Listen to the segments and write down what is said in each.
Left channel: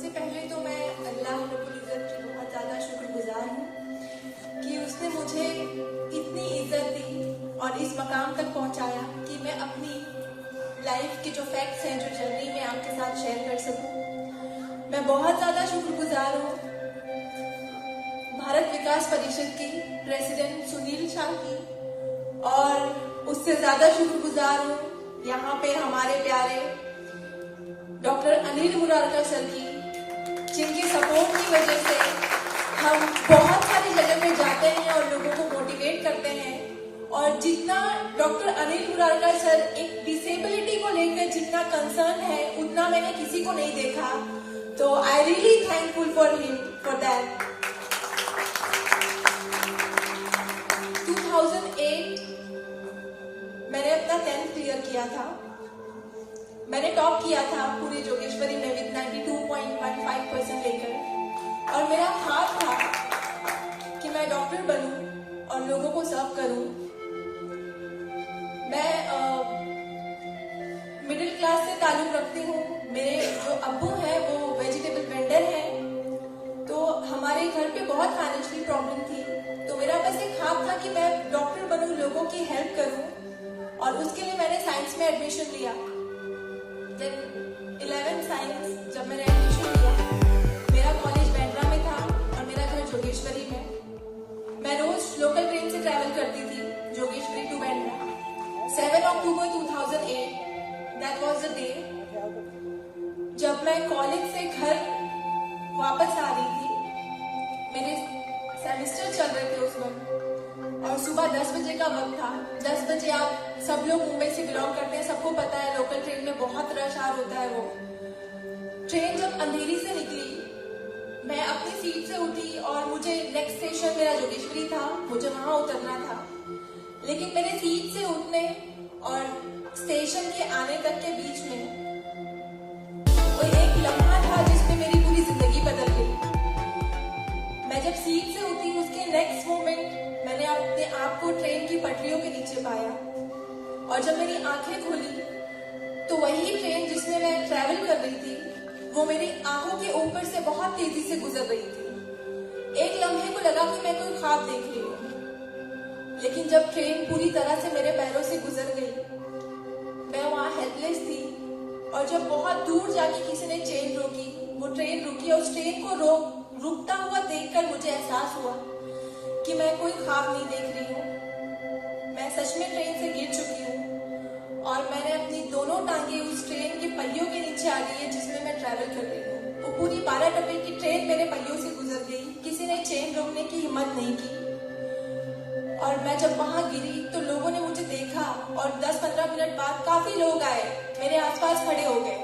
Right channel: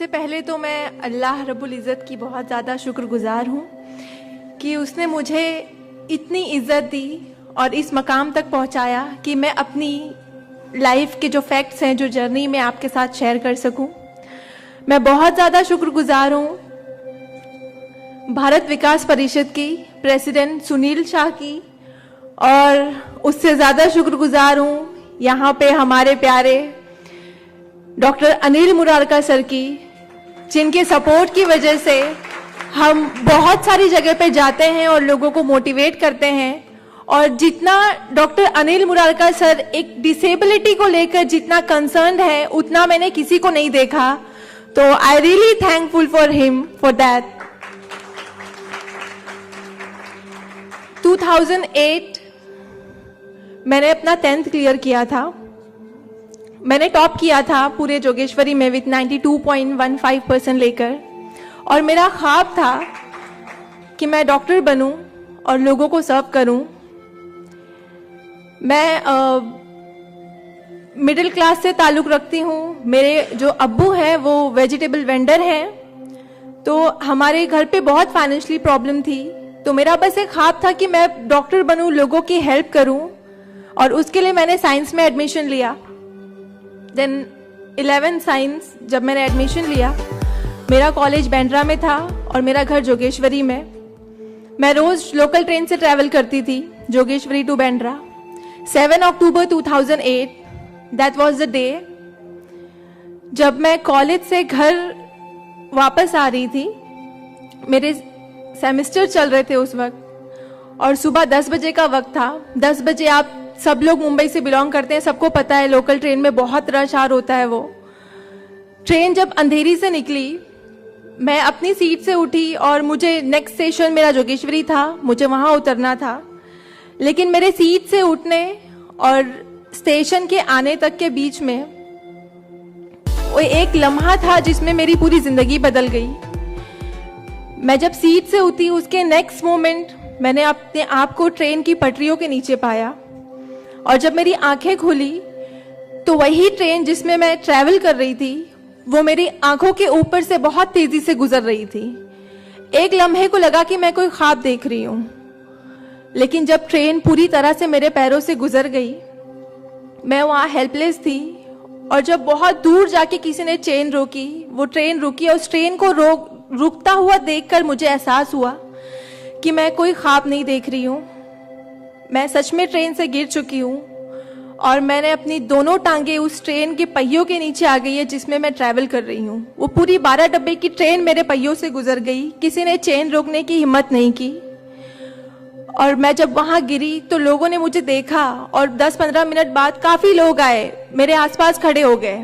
सबसे पहले तो मैं अल्लाह रब्बुल इज़्ज़त की बहुत ज़्यादा शुक्रगुजार हूँ कि उसने मुझे इतनी इज़्ज़त दी और इस मकाम तक पहुँचाया कि मैं अपनी लाइफ के जो फैक्ट्स हैं, जो जर्नी में आपके साथ शेयर कर सकूं। मैं बहुत ज़्यादा शुक्रगुजार हूँ भारत विकास परिषद की प्रेसिडेंट सुनील शाह की, और उससे ज़्यादा शुक्रगुजार हूँ यहाँ पे हमारे प्यारे डॉक्टर अनिल मुरारका सर की, जिनके सपोर्ट की वजह से हम बहुत सारी जगह पे जाते हैं और लोगों को मोटिवेट करते हैं। और जितना डॉक्टर अनिल मुरारका सर एक डिसेबिलिटी को लेकर जितना कंसर्न्ड है, उतना मैंने किसी को नहीं देखा। तो I really thankful for him for that. 2008 मैंने अपना 10th क्लियर किया था। मैंने टॉप किया था पूरे जोगेश्वरी में विद 92.15% लेकर, और मेरा ख्वाब था कि मैं डॉक्टर बनूं और लोगों को सर्व करूं। मैं मिडिल क्लास से ताल्लुक रखती हूँ। मेरे जो अब्बू हैं वो वेजिटेबल वेंडर हैं, तो हमारे घर पे बहुत फाइनेंशियली प्रॉब्लम थी। तो मेरा बस एक ख्वाब था कि मैं डॉक्टर बनूं, लोगों की हेल्प करूं, और उसके लिए मैंने साइंस में एडमिशन लिया। देन 11 साइंस जब मैंने एडमिशन लिया, मेरा कॉलेज बैंड्रा में था और मेरा घर जोगेश्वरी में। मैं रोज लोकल ट्रेन से ट्रैवल करती थी Jogeshwari to Bandra. 7 October 2008 that was the day जब मैं कॉलेज से घर वापस आ रही थी। मेरे सेमेस्टर चल रहे थे उस वक्त, और सुबह 10 बजे का वक्त था। 10 बजे, आप सब लोग मुंबई से बिलोंग करते हैं, सबको पता है लोकल ट्रेन में बहुत रश आर होता है। वो ट्रेन जब अंधेरी से निकली, मैं अपनी सीट से उठी और मुझे नेक्स्ट स्टेशन मेरा जोगेश्वरी था, मुझे वहां उतरना था। लेकिन मेरे सीट से उठने और स्टेशन के आने तक के बीच में वो एक लम्हा था जिसमें मेरी पूरी जिंदगी बदल गई। मैं जब सीट से उठी, उसके नेक्स्ट मोमेंट मैंने अपने आप को ट्रेन की पटरियों के नीचे पाया, और जब मेरी आंखें खुली तो वही ट्रेन जिसमें मैं ट्रैवल कर रही थी वो मेरी आंखों के ऊपर से बहुत तेजी से गुजर रही थी। एक लम्हे को लगा कि मैं कोई ख्वाब देख रही हूं, लेकिन जब ट्रेन पूरी तरह से मेरे पैरों से गुजर गई, मैं वहां हेल्पलेस थी। और जब बहुत दूर जाके किसी ने चेन रोकी, वो ट्रेन रुकी, और उस ट्रेन को रुकता हुआ देखकर मुझे एहसास हुआ कि मैं कोई ख्वाब नहीं देख रही हूं, मैं सच में ट्रेन से गिर चुकी हूं, और मैंने अपनी दोनों टांगे उस ट्रेन के पहियों के नीचे आ गई है जिसमें मैं ट्रैवल कर रही हूँ। वो पूरी 12 डब्बे की ट्रेन मेरे पहियों से गुजर गई, किसी ने चेन रोकने की हिम्मत नहीं की। और मैं जब वहां गिरी तो लोगों ने मुझे देखा, और 10-15 मिनट बाद काफी लोग आए, मेरे आसपास खड़े हो गए।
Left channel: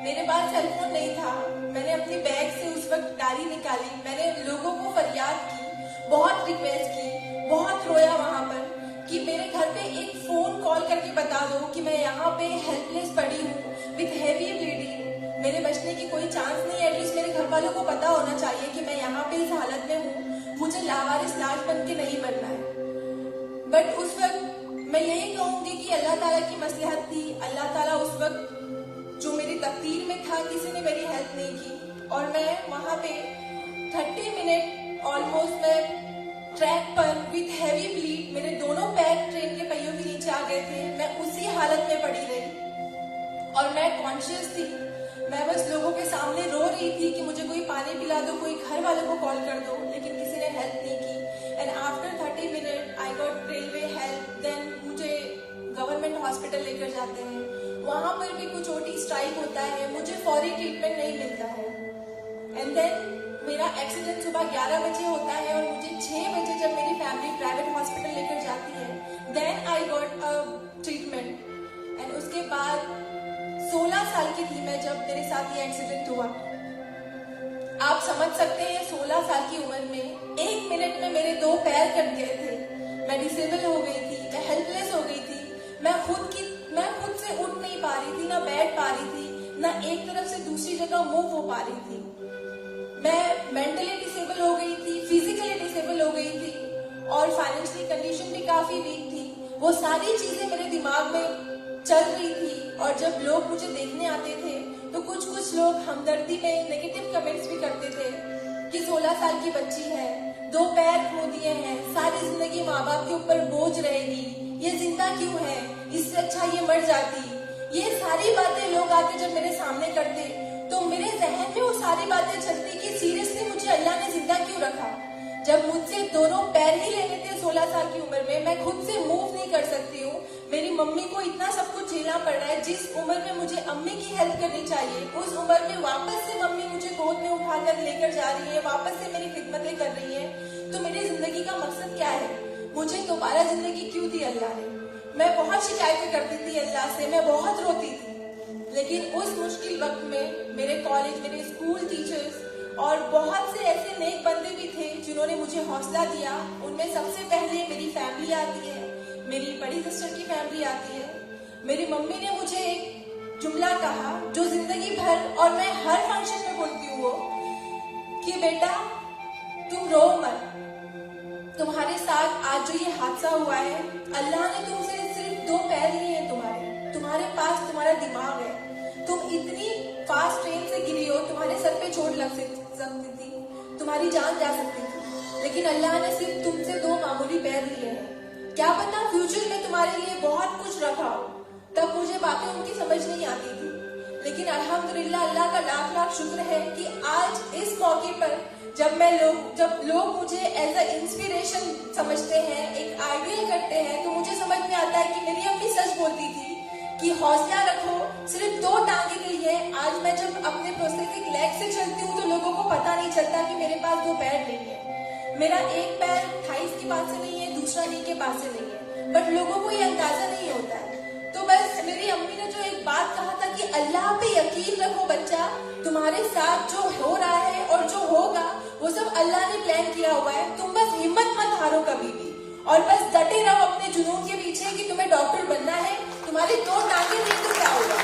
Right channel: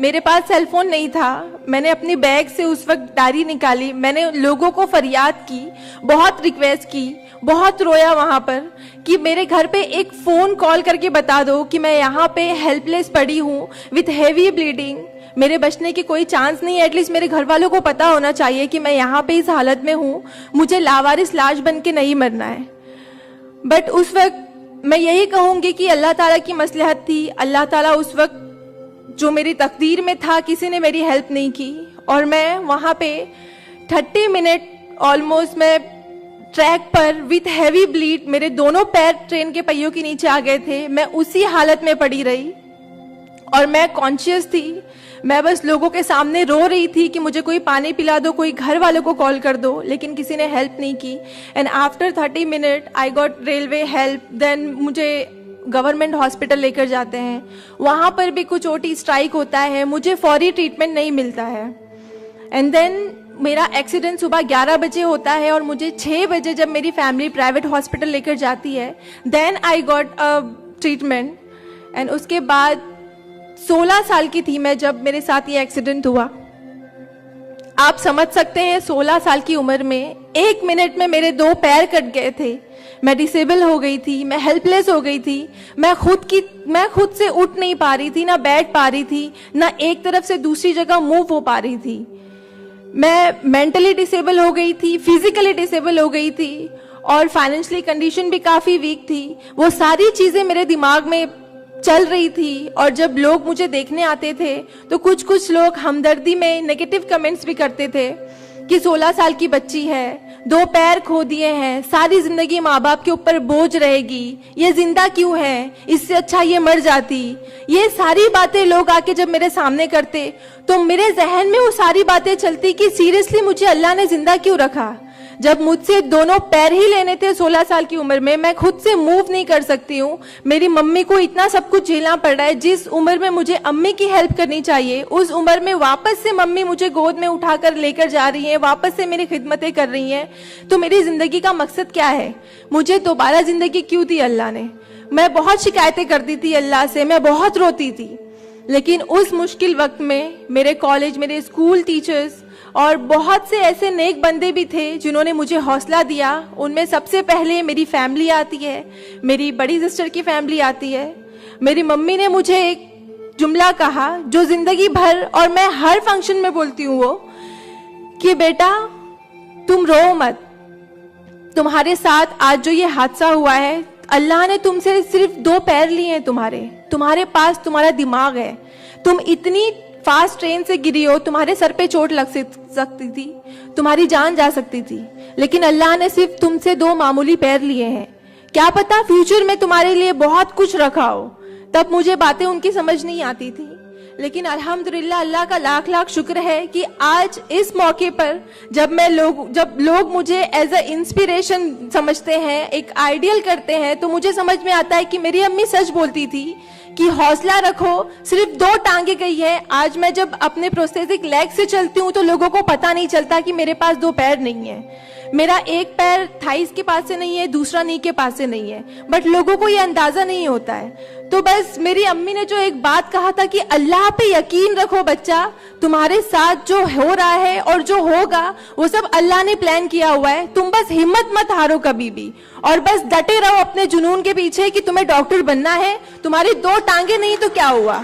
मेरे पास सेलफोन नहीं था। मैंने अपनी बैग से उस वक्त डायरी निकाली, मैंने लोगों को फरियाद की, बहुत रिक्वेस्ट की, बहुत रोया वहां पर कि मेरे घर पे एक फोन कॉल करके बता दो कि मैं यहाँ पे हेल्पलेस पड़ी हूँ विथ हेवी ब्लीडिंग, मेरे बचने की कोई चांस नहीं है। एटलीस्ट मेरे घर वालों को पता होना चाहिए कि मैं यहाँ पे इस हालत में हूँ, मुझे लावारिस लाश बन के नहीं मरना है। बट उस वक्त मैं यही कहूंगी कि अल्लाह ताला की मसलहत थी। अल्लाह ताला उस वक्त जो मेरी तकदीर में था, किसी ने मेरी हेल्प नहीं की, और मैं वहां पे 30 मिनट ऑलमोस्ट मैं ट्रैक पर विथ हैवी ब्लीड, मेरे दोनों पैर ट्रेन के पहियों के नीचे आ गए थे। मैं उसी हालत में पड़ी रही और मैं कॉन्शियस थी। मैं बस लोगों के सामने रो रही थी कि मुझे कोई पानी पिला दो, कोई घर वालों को कॉल कर दो, लेकिन किसी ने हेल्प नहीं की। And after 30 minute I got railway help. Then मुझे गवर्नमेंट हॉस्पिटल लेकर जाते हैं, वहां पर भी कुछ ओटी स्ट्राइक होता है, मुझे फौरी ट्रीटमेंट नहीं मिलता है। एंड देन मेरा एक्सीडेंट सुबह 11 बजे होता है, और मुझे 6 बजे जब मेरी फैमिली प्राइवेट हॉस्पिटल लेकर जाती है, then I got a treatment. And उसके बाद 16 साल की थी मैं जब मेरे साथ ये एक्सीडेंट हुआ। आप समझ सकते हैं 16 साल की उम्र में 1 मिनट में मेरे 2 पैर कट गए थे, मैं डिसेबल हो गई थी, मैं हेल्पलेस हो गई थी, मैं खुद से उठ नहीं पा रही थी, ना बैठ पा रही थी, ना एक तरफ से दूसरी जगह मूव हो पा रही थी। मैं मेंटली डिसेबल हो गई थी, फिजिकली डिसेबल हो गई थी, और फाइनेंशियली कंडीशन भी काफी वीक थी। वो सारी चीजें मेरे दिमाग में चल रही थी और जब लोग मुझे देखने आते थे तो कुछ लोग हमदर्दी में नेगेटिव कमेंट्स भी करते थे कि 16 साल की बच्ची है, 2 पैर खो दिए हैं, सारी जिंदगी माँ बाप के ऊपर बोझ रहेगी, ये जिंदा क्यों है, इससे अच्छा ये मर जाती। ये सारी बातें लोग आके जब मेरे सामने करते तो मेरे जहन में वो सारी बातें चलती कि सीरियसली मुझे अल्लाह ने जिंदा क्यों रखा। जब मुझसे दोनों पैर ही लेने थे 16 साल की उम्र में, मैं खुद से मूव नहीं कर सकती हूँ, मेरी मम्मी को इतना सब कुछ झेलना पड़ रहा है। जिस उम्र में मुझे अम्मी की हेल्प करनी चाहिए उस उम्र में वापस से मम्मी मुझे गोद में उठाकर लेकर जा रही है, वापस से मेरी खिदमतें कर रही हैं। तो मेरी जिंदगी का मकसद क्या है? मुझे दोबारा जिंदगी क्यों दी अल्लाह ने? मैं बहुत शिकायतें करती थी अल्लाह से, मैं बहुत रोती थी, लेकिन उस मुश्किल वक्त में मेरे कॉलेज, मेरे स्कूल टीचर्स और बहुत से ऐसे नेक बंदे भी थे जिन्होंने मुझे हौसला दिया। उनमें सबसे पहले मेरी फैमिली आती है, मेरी बड़ी सिस्टर की फैमिली आती है। मेरी मम्मी ने मुझे एक जुमला कहा जो जिंदगी भर और मैं हर फंक्शन में बोलती हूँ, वो कि बेटा तुम रो मत, तुम्हारे साथ आज जो ये हादसा हुआ है, अल्लाह ने तुमसे सिर्फ 2 पैर लिए हैं, तुम्हारे पास तुम्हारा दिमाग है, तुम इतनी फास्ट ट्रेन से गिरी हो, तुम्हारे सर पे चोट लग सकती थी, तुम्हारी जान जा सकती थी, लेकिन अल्लाह ने सिर्फ तुमसे 2 मामूली पैर लिए हैं। क्या पता फ्यूचर में तुम्हारे लिए बहुत कुछ रखा हो। तब मुझे बातें उनकी समझ नहीं आती थी, लेकिन अल्हम्दुलिल्लाह अल्लाह का लाख लाख शुक्र है कि आज इस मौके पर जब लोग मुझे एज अ इंस्पिरेशन समझते हैं, एक आइडियल करते हैं, तो मुझे समझ में आता है कि मेरी अम्मी सच बोलती थी कि हौसला रखो, सिर्फ 2 टांगे गई है। आज मैं जब अपने प्रोस्थेटिक लेग से चलती हूँ तो लोगों को पता नहीं चलता कि मेरे पास 2 पैर नहीं है। मेरा एक पैर थाइस के पास से नहीं है, दूसरा नी के पास से नहीं है, बट लोगों को ये अंदाजा नहीं होता है। तो बस मेरी अम्मी ने जो एक बात कहा था कि अल्लाह पे यकीन रखो बच्चा, तुम्हारे साथ जो हो रहा है और जो होगा वो सब अल्लाह ने प्लान किया हुआ है, तुम बस हिम्मत मत हारो कभी भी, और बस डटे रहो अपने जुनून के पीछे कि तुम्हें डॉक्टर बनना है। तुम्हारी 2 टांगे नहीं तो क्या हुआ,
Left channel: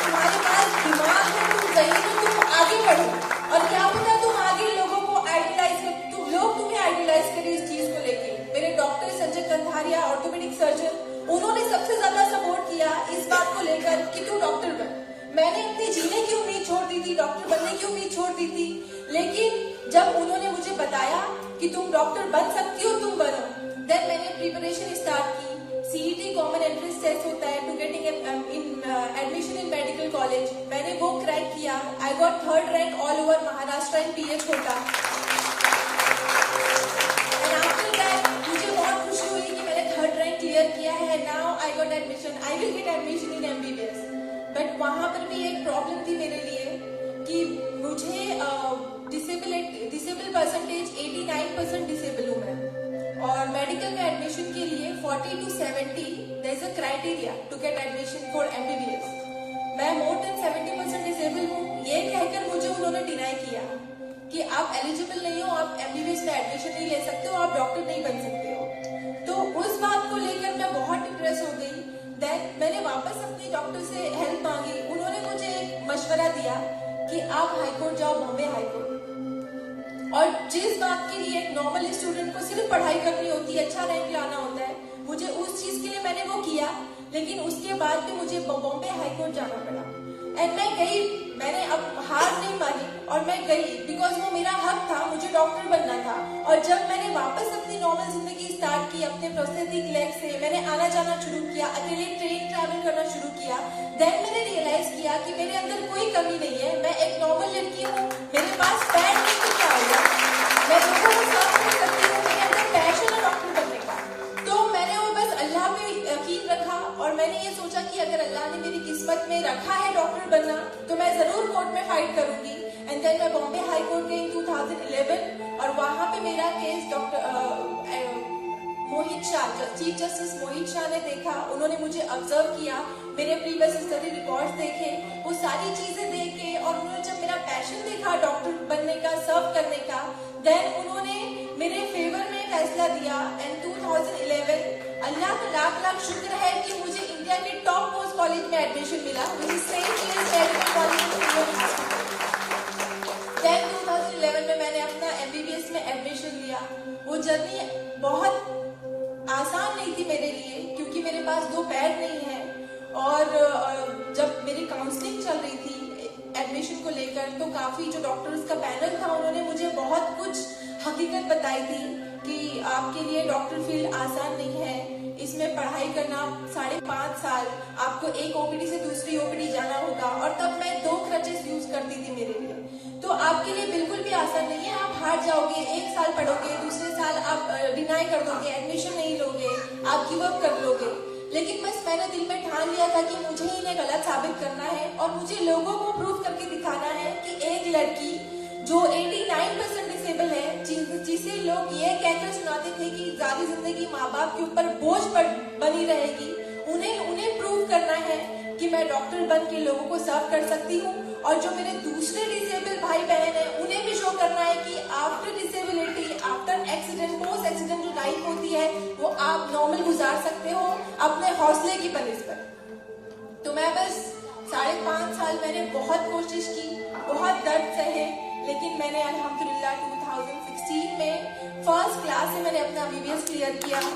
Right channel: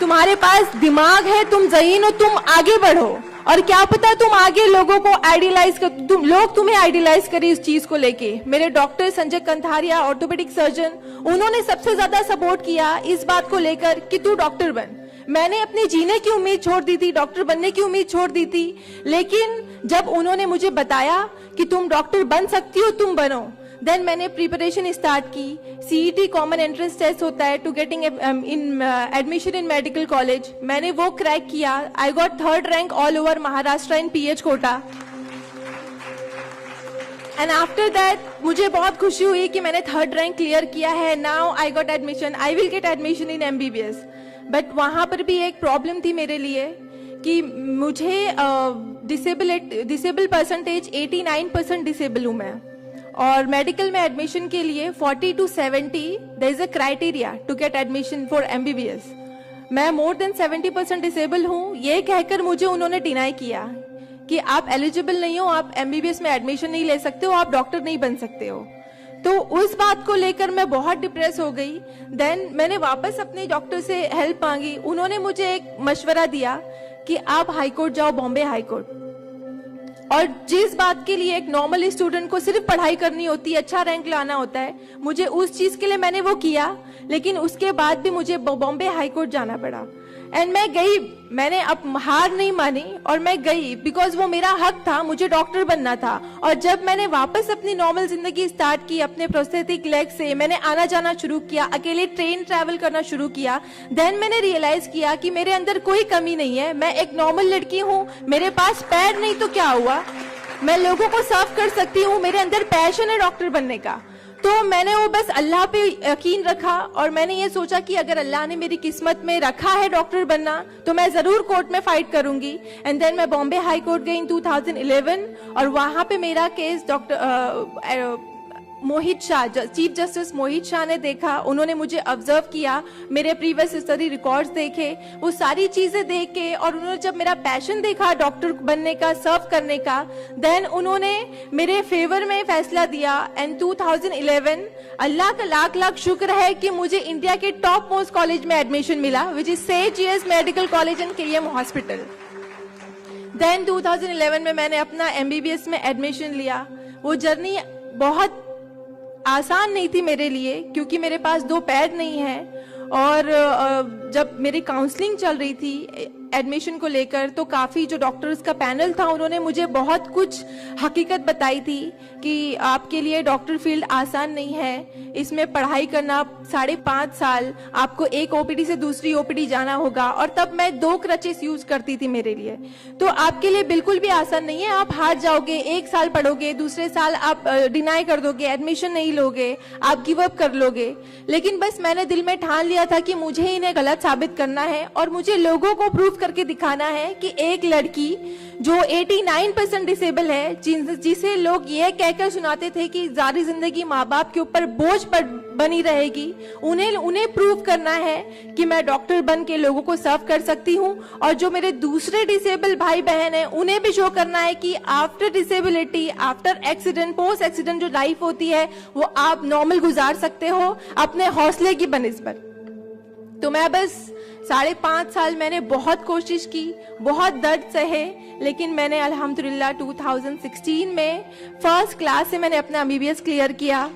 तुम्हारे पास दिमाग है, तुम ज़हीन हो, तुम आगे बढ़ो। और क्या पता तुम आगे लोगों को आइडियलाइज कर, लोग तुम्हें आइडियलाइज करें इस चीज को लेके। मेरे doctor Sanjay Kantharia, orthopaedic surgeon, उन्होंने सबसे ज्यादा सपोर्ट किया इस बात को लेकर कि तू डॉक्टर बन। मैंने अपने जीने की उम्मीद छोड़ दी थी, डॉक्टर बनने की उम्मीद छोड़ दी थी, लेकिन जब उन्होंने मुझे बताया कि तुम डॉक्टर बन सकती हो, तुम बनो, देन मैंने प्रिपरेशन स्टार्ट की। सीईटी कॉमन एंट्रेंस टेस्ट होता है to getting admission in medical college, मैंने वो क्रैक किया। I got 3rd rank all over Maharashtra in PH quota. And after that मुझे बहुत खुशी हुई कि मैंने 3rd रैंक क्लियर किया है। Now I got admission, I will get admission in MBBS. But वहां पर भी एक प्रॉब्लम थी मेरे लिए कि मुझे डिसेबल परसेंटेज 89% डिसेबल हूं मैं, और मेडिकल में एडमिशन के लिए 40 to 70 there is a criteria to get admission for MBBS. मैं मोर देन 70% डिसेबल हूँ, ये कहकर मुझे उन्होंने डिनाई किया कि आप एलिजिबल नहीं हो, आप एमबीबीएस में एडमिशन नहीं ले सकते हो, आप डॉक्टर नहीं बन सकते हो। तो उस बात को लेकर मैं बहुत डिप्रेस हो गई। देन मैंने वापस अपने डॉक्टर से हेल्प मांगी, उन्होंने मुझे एक मशवरा दिया कि आप हाईकोर्ट जाओ, बॉम्बे हाईकोर्ट। और जिस बात के लिए एक नॉर्मल स्टूडेंट को सिर्फ पढ़ाई करनी होती है, अच्छा रैंक लाना होता है, मुझे उस चीज के लिए मैंने वो किया, लेकिन उसके बाद भी मुझे बॉम्बे हाईकोर्ट जाना पड़ा। एंड मैं गई, मैंने अब हार नहीं मानी और मैं गई, बिकॉज वो मेरा हक था, मुझे डॉक्टर बनना था। और जब मैंने वापस अपनी नॉर्मल जिंदगी स्टार्ट की अपने प्रोस्थेटिक लेग से, मैंने आना जाना शुरू किया, अकेले ट्रेन ट्रैवल करना शुरू किया, देन मैंने रियलाइज किया कि मेरे अंदर कोई कमी नहीं है, मैं एक नॉर्मल लड़की हूँ, मेरे पास पैर नहीं तो क्या हुआ, मैं लोगों को सर्व कर सकती हूँ, मेरे अंदर पैशन है डॉक्टर बनने का। तो मैंने वो बस अल्लाह पे यकीन रखा और मैंने ये सोचा कि अगर अल्लाह ने मेरी किस्मत में रखा है डॉक्टर बनना तो मैं जरूर कोर्ट में फाइट करूंगी। एंड देन मैं बॉम्बे हाई कोर्ट गई इन 2011 और वहां पे मेरा केस डॉक्टर मोहित शाह, चीफ जस्टिस मोहित शाह ने देखा, उन्होंने मुझे ऑब्जर्व किया, मेरे प्रीवियस स्टडी रिकॉर्ड्स देखे, वो सारी चीजें देख के, और उन्होंने जब मेरा पैशन देखा डॉक्टर बनने का, सर्व करने का, देन उन्होंने मेरे फेवर में फैसला दिया। एंड 2011 अल्लाह का लाख लाख शुक्र है कि मुझे इंडिया के टॉप मोस्ट कॉलेज में एडमिशन मिला, which is Saint James medical college and KM hospital. Then 2011 में मैंने अपना एमबीबीएस में एडमिशन लिया। वो जर्नी बहुत आसान नहीं थी मेरे लिए, क्योंकि मेरे पास 2 पैर नहीं है और जब मेरी काउंसलिंग चल रही थी एडमिशन को लेकर, तो काफी जो डॉक्टर्स का पैनल था उन्होंने मुझे बहुत कुछ हकीकत बताई थी कि आपके लिए डॉक्टर फील्ड आसान नहीं है, इसमें पढ़ाई करना 5.5 साल, आपको एक ओपीडी से दूसरी ओपीडी जाना होगा। और तब मैं 2 क्रचेस यूज करती थी मेरे लिए, तो आपके लिए बिल्कुल भी आसान नहीं है। आप हार जाओगे, 1 साल पढ़ोगे, दूसरे साल आप डिनाई कर दोगे, एडमिशन नहीं लोगे, आप गिव अप कर लोगे। लेकिन बस मैंने दिल में ठान लिया था कि मुझे इन्हें गलत साबित करना है और मुझे लोगों को प्रूव करके दिखाना है कि एक लड़की जो 89% डिसेबल है, जिसे लोग ये कहकर सुनाते थे कि सारी जिंदगी माँ बाप के ऊपर बोझ पर बनी रहेगी, उन्हें प्रूव करना है कि मैं डॉक्टर बन के लोगों को सर्व कर सकती हूँ। और जो मेरे दूसरे डिसेबल भाई बहन हैं, उन्हें भी शो करना है कि after disability, after accident, post accident जो लाइफ होती है वो आप नॉर्मल गुजार सकते हो अपने हौसले की बनिस्बत। तो मैं बस 5.5 साल मैंने बहुत कोशिश की, बहुत दर्द सहे, लेकिन मैंने अल्हम्दुलिल्लाह 2016 में फर्स्ट क्लास से मैंने अपना एमबीबीएस क्लियर किया।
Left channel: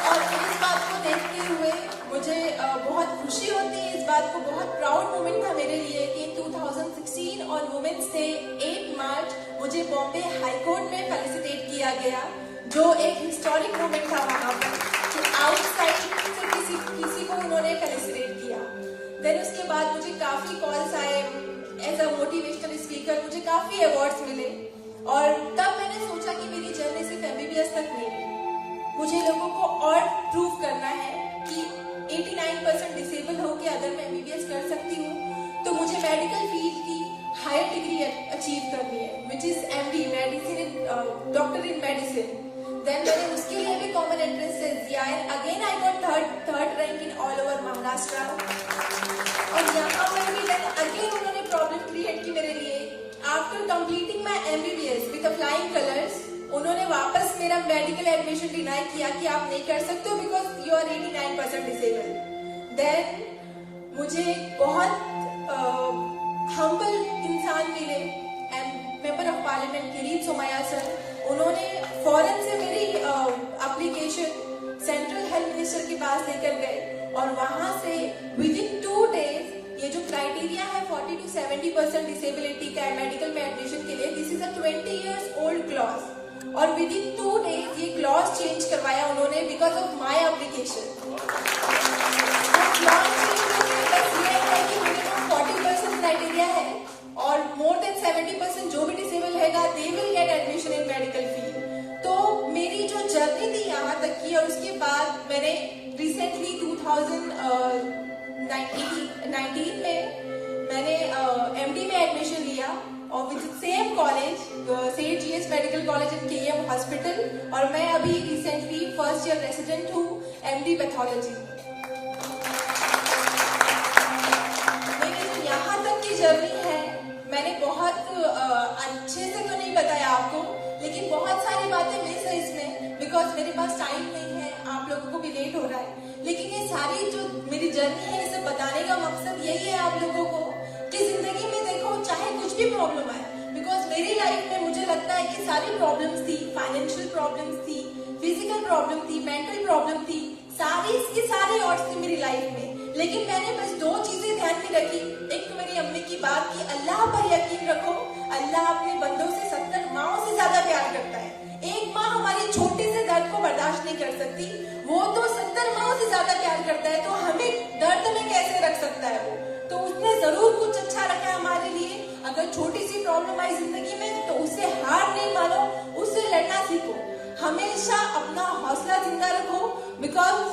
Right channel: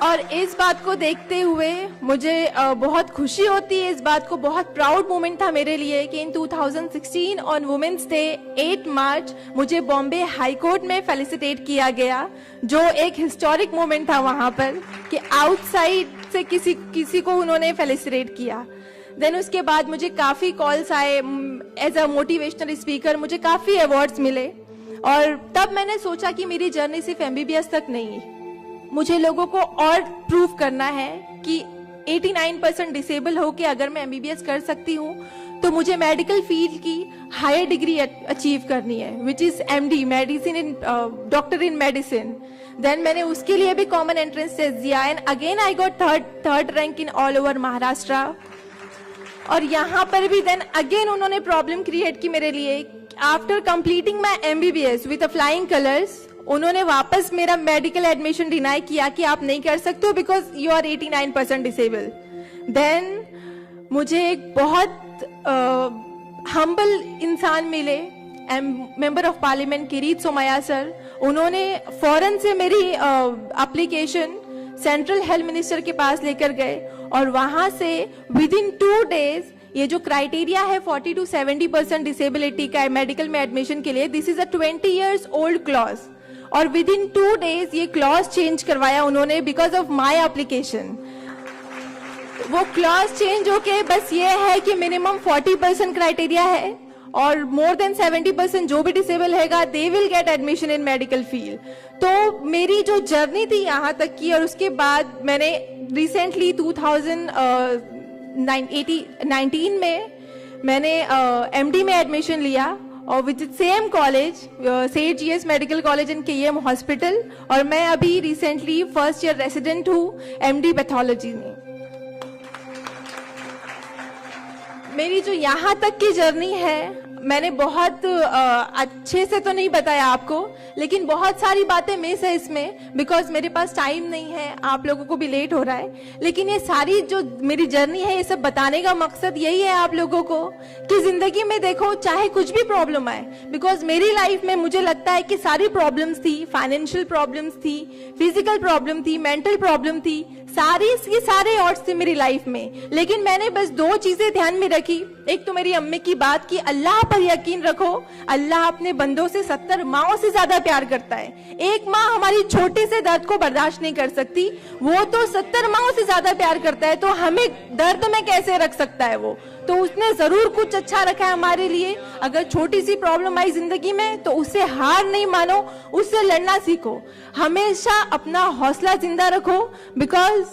और इस बात को देखते हुए मुझे बहुत खुशी होती है, इस बात को बहुत प्राउड मोमेंट था मेरे लिए कि इन 2016 ऑन वुमेन्स डे 8 मार्च मुझे बॉम्बे हाई कोर्ट में फेलिसिटेट किया गया, जो एक हिस्टोरिक मोमेंट था वहां पर कि आउटसाइड से किसी को उन्होंने फेलिसिटेट किया। देन उसके बाद मुझे काफी कॉल्स आए एज अ मोटिवेशनल स्पीकर, मुझे काफी अवार्ड्स मिले। और तब मैंने सोचा कि मेरी जर्नी सिर्फ एमबीबीएस तक नहीं है, मुझे लोगों को और प्रूव करना है कि 89% डिसेबल होके अगर मैं एमबीबीएस कर सकती हूँ तो मुझे मेडिकल फील्ड की हायर डिग्री अचीव करनी है, which is MD, medicine in doctor in medicine. Then मैंने उसके लिए भी कॉमन एंट्रेंस टेस्ट दिया and again I got third rank in all over Maharashtra. और यहाँ पर भी देन अगेन उन्होंने प्रॉब्लम क्रिएट की मेरे लिए। After completing my MBBS with flying colours, उन्होंने वापस मेरा मेडिकल एडमिशन डिनाई किया कि आप नहीं कर सकते हो because you are 89% disable. Then मुझे एक बहुत हम्बल इंसान मिले, member of parliament Kirit Somaiya sir, उन्होंने फौरन से मेरी एप्लीकेशन सेंट्रल हेल्थ मिनिस्टर के पास लेकर गए और वहां से विद इन 2 डेज ये जो क्राइटेरिया है 40 to 70% डिसेबिलिटी का मेडिकल में एडमिशन के लिए, this is a 20 years old clause, और विद इन 2 डेज ये क्लॉज चेंज करवाया उन्होंने बिकॉज ऑफ माई एप्लीकेशन। वो क्लॉज चेंज होके बस ये है कि मिनिमम 40% क्राइटेरिया है और मोर देन 70% जो भी डिसेबल हैगा they will get admission in medical field. तो मेरी जो जर्नी थी यहाँ तक की, और उसके बाद मैंने रिसेंटली 2019 में मैंने एमडी में एडमिशन लिया और with same college Seth GS medical college in KM hospital, और मैं अभी रिसेंटली फर्स्ट ईयर रेसिडेंट हूँ एमडी पैथोलॉजी में। मेरी जो यहाँ तक की जर्नी है मैंने बहुत अच्छे से तो नहीं बताया आपको, लेकिन बहुत सारी बातें मिस है इसमें बिकॉज मेरे पास टाइम नहीं है, आप लोगों को भी लेट हो रहा है। लेकिन ये सारी जो मेरी जर्नी है ये सब बताने का मकसद यही है आप लोगों को कि जिंदगी में देखो चाहे कुछ भी प्रॉब्लम आए, बिकॉज मेरी लाइफ में मुझे लगता है कि सारी प्रॉब्लम्स थी, फाइनेंशियल प्रॉब्लम्स थी, फिजिकल प्रॉब्लम थी, मेंटल प्रॉब्लम थी, सारे ऑड्स थे मेरी लाइफ में, लेकिन मैंने बस 2 चीजें ध्यान में रखी। एक तो मेरी अम्मी की बात कि अल्लाह पर यकीन रखो, अल्लाह अपने बंदों से 70 माओं से ज्यादा प्यार करता है। एक माँ हमारी छोटे से दर्द को बर्दाश्त नहीं कर सकती, वो तो 70 माओं से ज्यादा प्यार करता है, तो हमें दर्द में कैसे रख सकता है वो, तो उसने जरूर कुछ अच्छा रखा है हमारे लिए। अगर छोटी सी प्रॉब्लम आई जिंदगी में तो उससे हार नहीं मानो, उससे लड़ना सीखो, हमेशा अपना हौसला जिंदा रखो, बिकॉज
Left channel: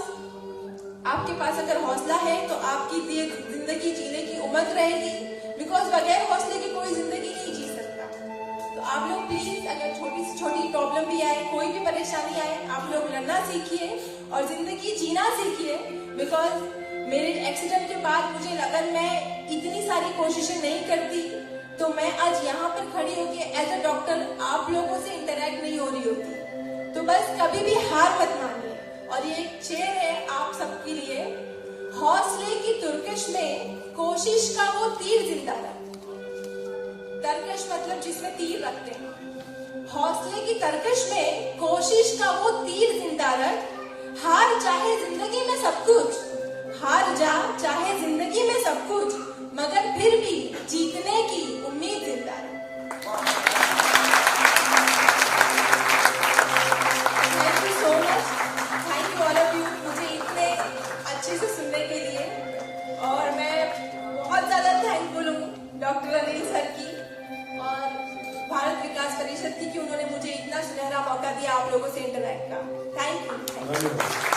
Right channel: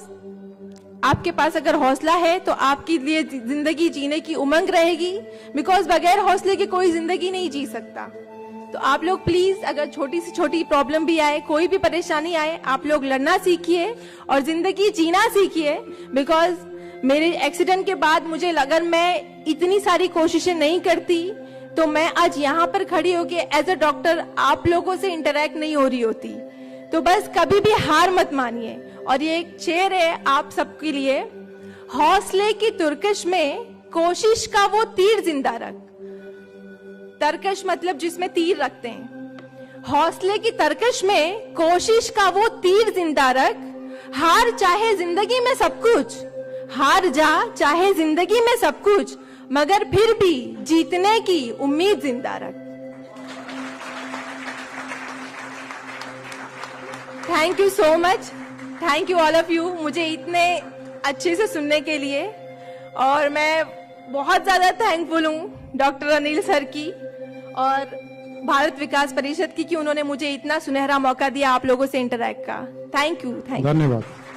आपके पास अगर हौसला है तो आपकी लिए जिंदगी जीने की उमंग रहेगी, बिकॉज बगैर हौसले के कोई जिंदगी नहीं जी सकता। तो आप लोग प्लीज अगर छोटी से छोटी प्रॉब्लम भी आए, कोई भी परेशानी आए, आप लोग लड़ना सीखिए और जिंदगी जीना सीखिए। बिकॉज मेरे एक्सीडेंट के बाद मुझे अगर मैं इतनी सारी कोशिशें नहीं करती तो मैं आज यहाँ पर खड़ी होके एज अ डॉक्टर आप लोगों से इंटरेक्ट नहीं हो रही होती। तो बस कभी भी हार मत मानिए। और ये एक शेर है आप सबके लिए, हौसले की तुरकश में कोशिश का वो तीर जिंदा रख। तरकश मतलब जिसमें तीर रखते हैं। हौसले की तरकश में कोशिश का वो तीर जिंदा रख, हार चाहे जिंदगी में सब कुछ, हार जा चाहे जिंदगी में सब कुछ, मगर फिर भी जीतने की उम्मीद जिंदा रख। Thank you so much, thank you all of you, मुझे इतने अच्छे से सुनने के लिए। और मैं बहुत ज्यादा थैंकफुल हूँ डॉक्टर अनिल सर की और भारत विकास परिषद की कि उन्होंने मुझे इतना सुनहरा मौका दिया आप लोगों से इंटरैक्ट का। थैंक यू, धन्यवाद।